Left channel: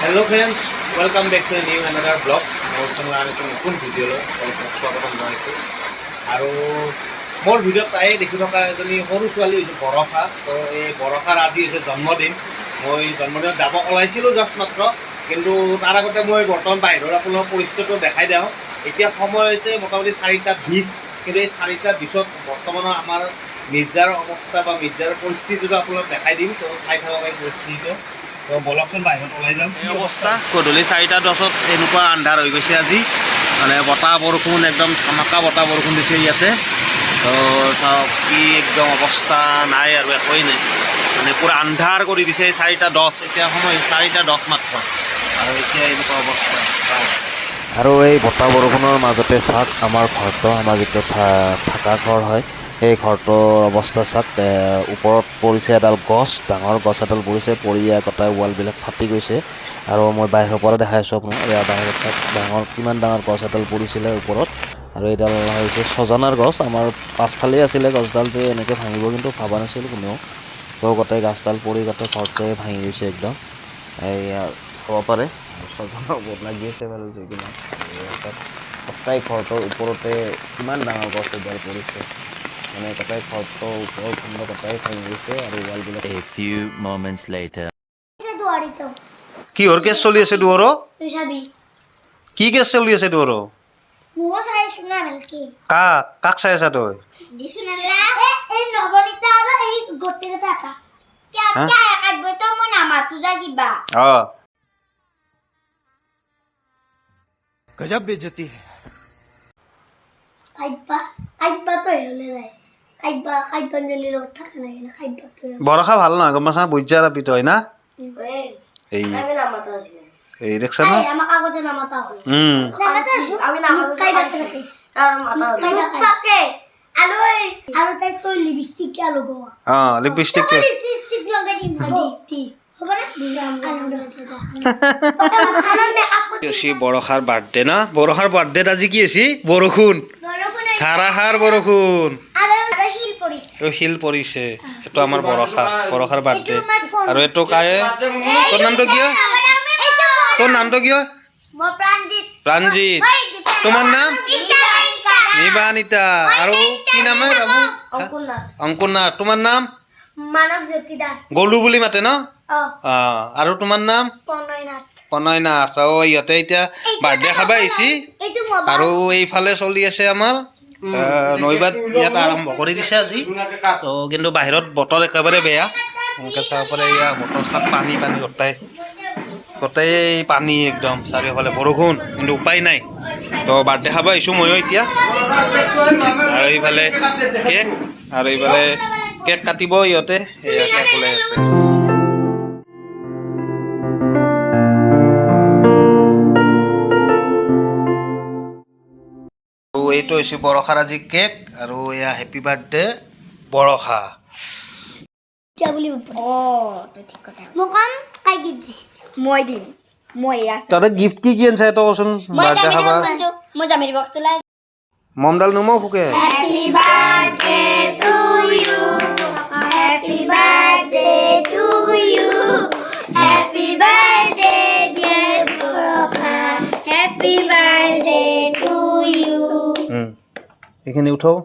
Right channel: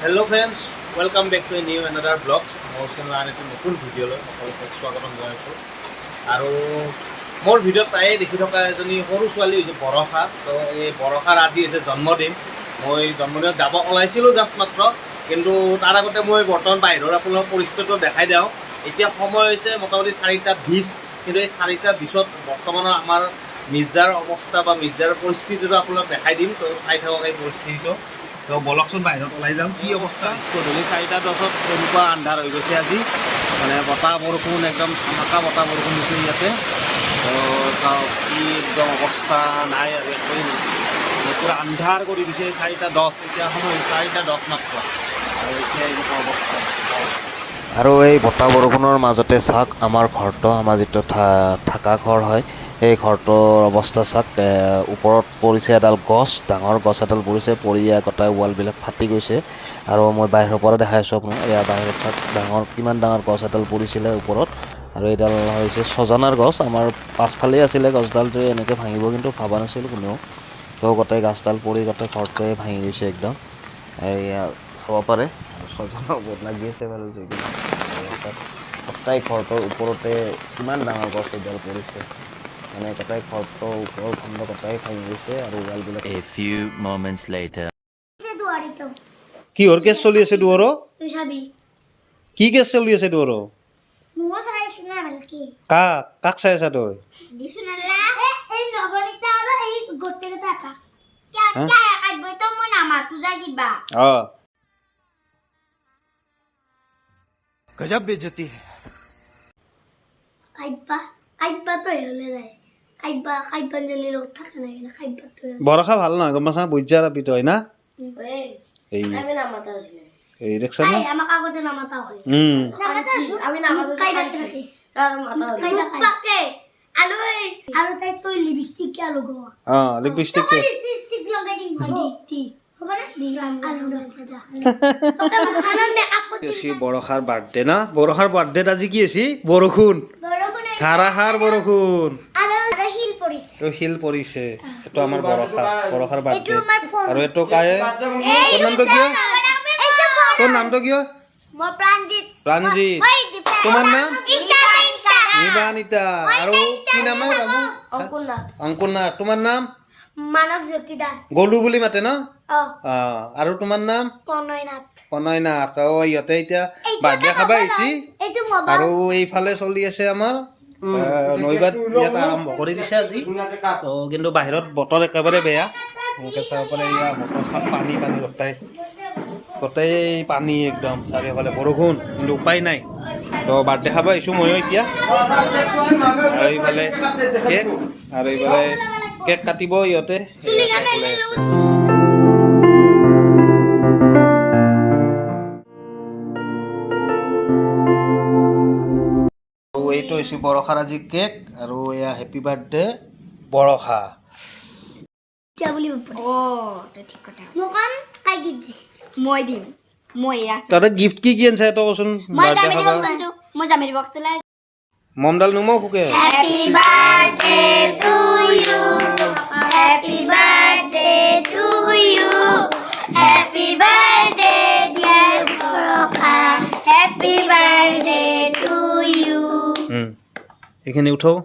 Hello friends, welcome back to a new another vlog. মোৰ চেনেলৰ এটা নতুন ভিডিঅ'লৈ স্বাগতম জনাইছোঁ আৰু মোৰ ভিডিঅ'ত প্ৰায়ে দেখি থকা এজনী সৰু ছোৱালী হৈছে বৰষা। তো এই বৰষাৰ আজি হৈছে জন্মদিন। মই জন্মদিনত যাব ওলাইছিলোঁ জাষ্ট মাত্ৰ, কিন্তু তাৰ আগতে মই বৰ্তমান বাহিৰৰ আপোনাৰ পৰিস্থিতিটো দেখাই দিওঁ। এতিয়া সময় হৈছে মোটামুটি 4:20, কিন্তু এই 4:20 বৰ্তমানৰ আমাৰ মিৰ্জাৰ অৱস্থা বা মিৰ্জাৰ পৰিস্থিতিটো আপোনাক দেখাই দিম। তো চাই থাকক এই পৰিস্থিতিটো। তো বলকচোন বাহিৰত ওলাই যাম। কি অৱস্থা, গধূলি 4:10 এনেকুৱা আন্ধাৰ হৈ গৈছে আজি, মানে বতাহ বৰষুণ একদম ধামাকা বতাহ বৰষুণ দিছে ইয়াতে। তো চাওক কি একদম অৱস্থা নাই আৰু একোৱেই নাই, মানে পূৰা আন্ধাৰ কৰি দিছে। 4:10 এতিয়া সময় 4:10 মাত্ৰ, আৰু এতিয়া এনেকুৱা অৱস্থা। আৰু এই বতাহ বৰষুণৰ মাজতে চাওক আমাৰ ঘৰটো, আমাৰ যিটো থকা ঘৰ হয়, সেই ঘৰটোৰ অৱস্থা চাওক। ওপৰত পৰিছে এডাল গছ, ডাঙৰ গছ এডাল পৰিছে, পৰি গোটেই ৱালবিলাক ফাটি গৈছে। আৰু মই বাহিৰৰ পৰা দেখাই আছোঁ আপোনাক, এয়া বাহিৰত চাওক ডাঙৰ কিমান ডাঙৰ গছ এডাল পৰিছিলে ওপৰত। আৰু এইডাল হৈছে ছজনাৰ গছ। আমাৰ পাছফালেই আছিলে গছডাল, যে এনেকৈ ভাঙিব কিন্তু ভবা নাছিলোঁ কোনেও। তো গোটেই গাছডাল পৰি গোটেই ঘৰটোৱে ভাঙি গৈছে একদম। এয়া চাব পাৰে ছজনাৰ ওপৰত লাগি আছে বাৰু, যিকোনো গোটেই ঘৰটোৰ ওপৰতে কিমান ডাঙৰ গছ এডাল পৰিছে, মানে গোটেই ঘৰটোৰ ওপৰৰ খণ্ড গোটেই ভাঙি গৈছে আৰু ৱালবিলাক। A few moments later. কিহৰ কেছ চলি আছে তোৰ? কি কেছ চলি আছে তোৰ? কাক চাই আছা তই? गजब बेइज्जती है। বৰষা ভাল নহয় গম পাইছা, বুজা ৰাপি তই না। এই দেখছা না, লিপষ্টিক বৰষাৰ বাৰ্থডে না। বৰষাৰ বাৰ্থডেত আজি কি হৈছে? বৰষুণ, ধাৰাসাৰ বৰষুণ, শিল পৰিছে। এইটো আমাৰ বৰষাৰ বাৰ্থডে। আৰু এইটো কায়ে, তোৰ নামটো কিয়? তোৰ নামটো কিয়? প্ৰাণজিত। তোমাৰ নাম? নিবানিতা। আৰু কি নাম? অংকুৰনাথ। তোমাৰ নাম? গলু বুলি মাতে ন? আৰু তোমাৰ নাম? প্ৰণয়নাথ। ইহঁতে এতিয়া বাৰ্থডে খাব আহিছে। আৰু এইফালে চলি আছে আমাৰ নৈবাত, ইয়াত আৰম্ভ কৰি দিছে আজি। তো কিন্তু বাহিৰত বতৰ একেবাৰে বেয়া, এনেকৈ চাব পাৰে। এয়া বতৰ চাপ, পানী গোটেই পানী একদম চাৰিওফালে বৰষুণ, কিন্তু উপায় নাই। তো বাৰ্থডে খাব আহিছোঁ ময়ো এতিয়া। আৰু এইফালে কেক, আৰু এইফালে কেক কাটিব ইহঁতে, এয়া কেক ওলাই আছে। এইটো হৈছে বৰষাৰ আজি কেক, আৰু এয়া হেপী বাৰ্থডে বৰষা। তহঁতে গিফ্ট কি আনিছা তই কচোন? বাৰ্থডে খাবা মমডাল নুমাও ফুকে। এইখিনি উঠাও,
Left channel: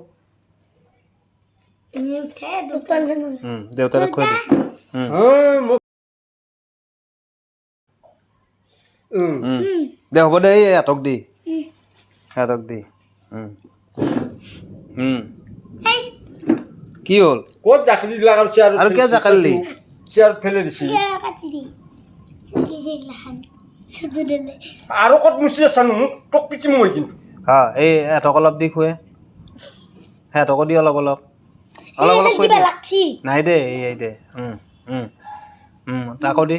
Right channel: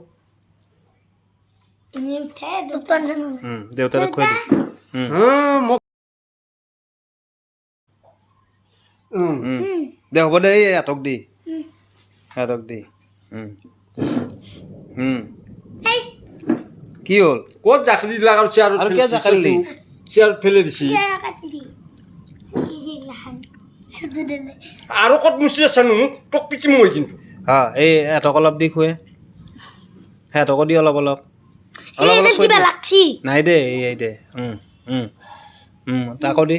দেউতাৰে খুৱাই দিম। দে হ'ব দে, ইহঁতক দি, কি হ'ল? ক'ত জাকলি দিলা আৰু কিয় জাকালি? চেয়াৰ ফেলে দিছি আৰু ক'ত মুচি আছা নো? তোক পিটিম মই কিন্তু। হা, এই এহঁতক অলপ দি খুৱে, সিহঁতকো দি অলপ নাই দে, এই দে, তাকো দি,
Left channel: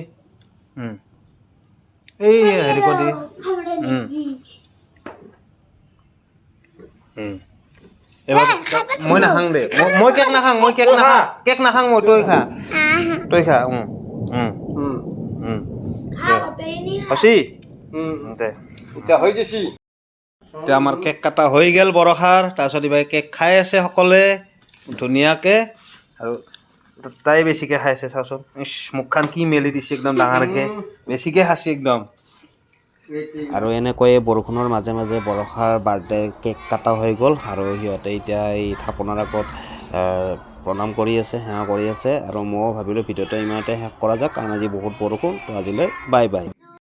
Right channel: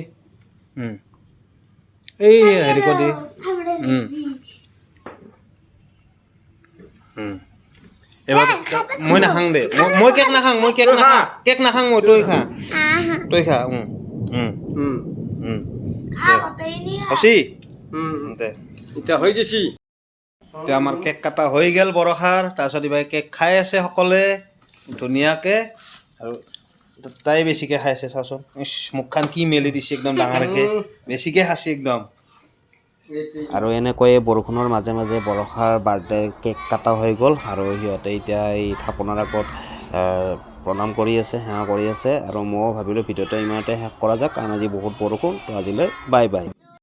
এই হেৰি কৰি দি। এবাৰ মই নাখাং দে, মই কেক নাখাং, কেক নাখাং মই, তই খা। হচি দে, এতিয়া হৈ গৈছি। এতিয়া আমাৰ কেক কটা হৈ গ'ল বৰষাৰ। তাৰপিছত এইবাৰ কেক খাই আছে সকলোৱে ধুনীয়াকৈ। আৰু তাই বেছিকৈ খাইছে চাওচোন ইছ মুখখন কি মেলি দিছে একদম ডাঙৰকৈ বেছিকৈ খাইছে একদম আৰু এনেকৈয়ে বৰষুণৰ মাজে মাজে বৰষাৰ বাৰ্থডে কেক কাটা হৈ গ'ল আৰু সিহঁতে এতিয়া এই থাপনাৰ আগত প্ৰণাম কৰি আছে সেৱা কৰি আছে আৰু ময়ো ভাবিলোঁ ভিডিঅ'টো ইমানতে শেষ কৰা যাওক কাৰণ আজি বহুত বৰষুণ তো আজিলৈ বাই বাই